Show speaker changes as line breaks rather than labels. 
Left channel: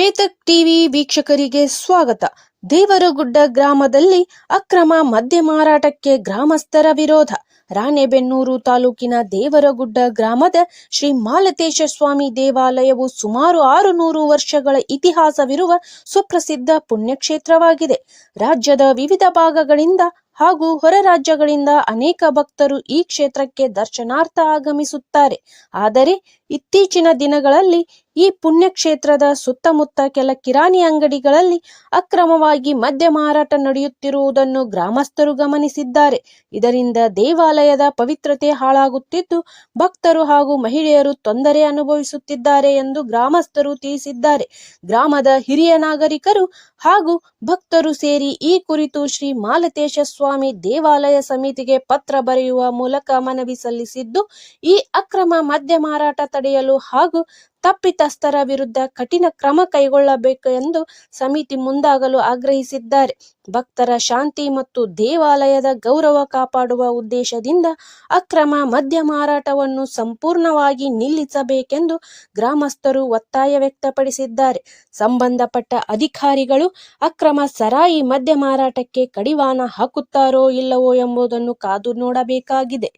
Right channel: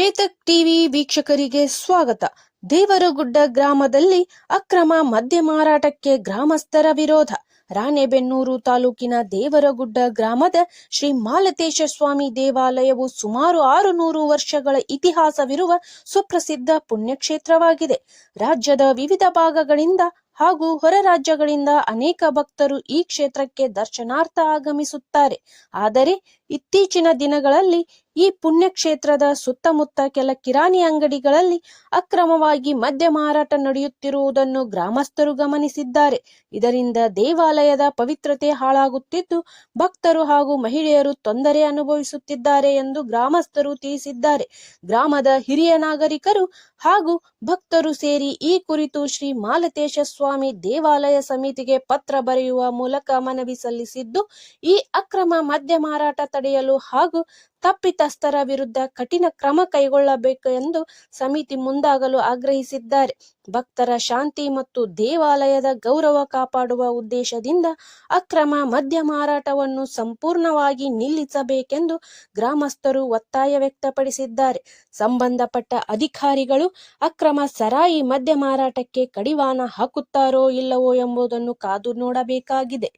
Chetak TV ವೀಕ್ಷಕರಿಗೆ ಸ್ವಾಗತ. ದೇವರಗುಡ್ಡ ಗ್ರಾಮದಲ್ಲಿ ಅಕ್ರಮ ಮದ್ಯ ಮಾರಾಟಕ್ಕೆ ಗ್ರಾಮಸ್ಥರ ವಿರೋಧ. ರಾಣೆಬೆನ್ನೂರು ತಾಲೂಕಿನ ದೇವರಗುಡ್ಡ ಗ್ರಾಮದ ಶ್ರೀ ಮಾಲತೇಶ ಸ್ವಾಮಿ ದೇವಾಲಯವು ಸುಮಾರು ಆರು ನೂರು ವರ್ಷಗಳ ಇತಿಹಾಸವಿರುವ ಸುಪ್ರಸಿದ್ಧ ಪುಣ್ಯಕ್ಷೇತ್ರವಾಗಿದೆ. ರಾಜ್ಯದ ವಿವಿಧ ಭಾಗಗಳಿಂದ ಹಾಗೂ ಹೊರ ರಾಜ್ಯಗಳಿಂದ ಅನೇಕ ಭಕ್ತರು ಈ ಕ್ಷೇತ್ರಕ್ಕೆ ದರ್ಶನಾರ್ಥ ಆಗಮಿಸುತ್ತಾರೆ. ಆದರೆ ಇತ್ತೀಚಿನ ದಿನಗಳಲ್ಲಿ ಈ ಪುಣ್ಯಕ್ಷೇತ್ರದ ಸುತ್ತಮುತ್ತ ಕೆಲ ಕಿರಾಣಿ ಅಂಗಡಿಗಳಲ್ಲಿ ಅಕ್ರಮವಾಗಿ ಮದ್ಯ ಮಾರಾಟ ನಡೆಯುತ್ತಿರುವುದನ್ನು ಗ್ರಾಮಸ್ಥರು ಗಮನಿಸಿದ್ದಾರೆ. ಇದರಿಂದ ದೇವಾಲಯದ ಪವಿತ್ರತೆ ಹಾಳಾಗುತ್ತಿದ್ದು, ಭಕ್ತರು ಹಾಗೂ ಮಹಿಳೆಯರು ತೊಂದರೆ ಅನುಭವಿಸುತ್ತಿದ್ದಾರೆ ಎಂದು ಗ್ರಾಮಸ್ಥರು ತಿಳಿಸಿದ್ದಾರೆ. ಗ್ರಾಮದ ಹಿರಿಯ ನಾಗರಿಕರು ಹಾಗೂ ಭಕ್ತರು ಸೇರಿ ಈ ಕುರಿತು ಶ್ರೀ ಮಾಲತೇಶ ಸ್ವಾಮಿ ದೇವಾಲಯ ಸಮಿತಿಗೆ ಪತ್ರ ಬರೆಯುವ ಮೂಲಕ ಮನವಿ ಸಲ್ಲಿಸಿದ್ದು, ಈ ಅಕ್ರಮ ಮದ್ಯ ಮಾರಾಟ ತಡೆಯಲು ಹಾಗೂ ತಪ್ಪಿತಸ್ಥರ ವಿರುದ್ಧ ಕಠಿಣ ಕ್ರಮ ಕೈಗೊಳ್ಳಬೇಕು ಎಂದು ಸಮಿತಿ ಮುಂದಾಗಲು ಆಗ್ರಹಿಸಿದ್ದಾರೆ. ಭಕ್ತರ ಶಾಂತಿ ಮತ್ತು ದೇವಾಲಯದ ಗೌರವ ಕಾಪಾಡುವ ಉದ್ದೇಶದಿಂದ ಅಕ್ರಮ ಮದ್ಯ ಮಾರಾಟವನ್ನು ಸಂಪೂರ್ಣವಾಗಿ ನಿಲ್ಲಿಸಬೇಕೆಂದು ಗ್ರಾಮಸ್ಥರು ಒತ್ತಾಯ ವ್ಯಕ್ತಪಡಿಸಿದ್ದಾರೆ. ಸಂಬಂಧಪಟ್ಟ ಅಧಿಕಾರಿಗಳು ಅಕ್ರಮ ಸರಾಯಿ ಮದ್ಯ ಮಾರಾಟಕ್ಕೆ ಕಡಿವಾಣ ಹಾಕುತ್ತಾರೋ ಇಲ್ಲವೋ ಎಂಬುದನ್ನು ಕಾದು ನೋಡಬೇಕಾಗಿದೆ.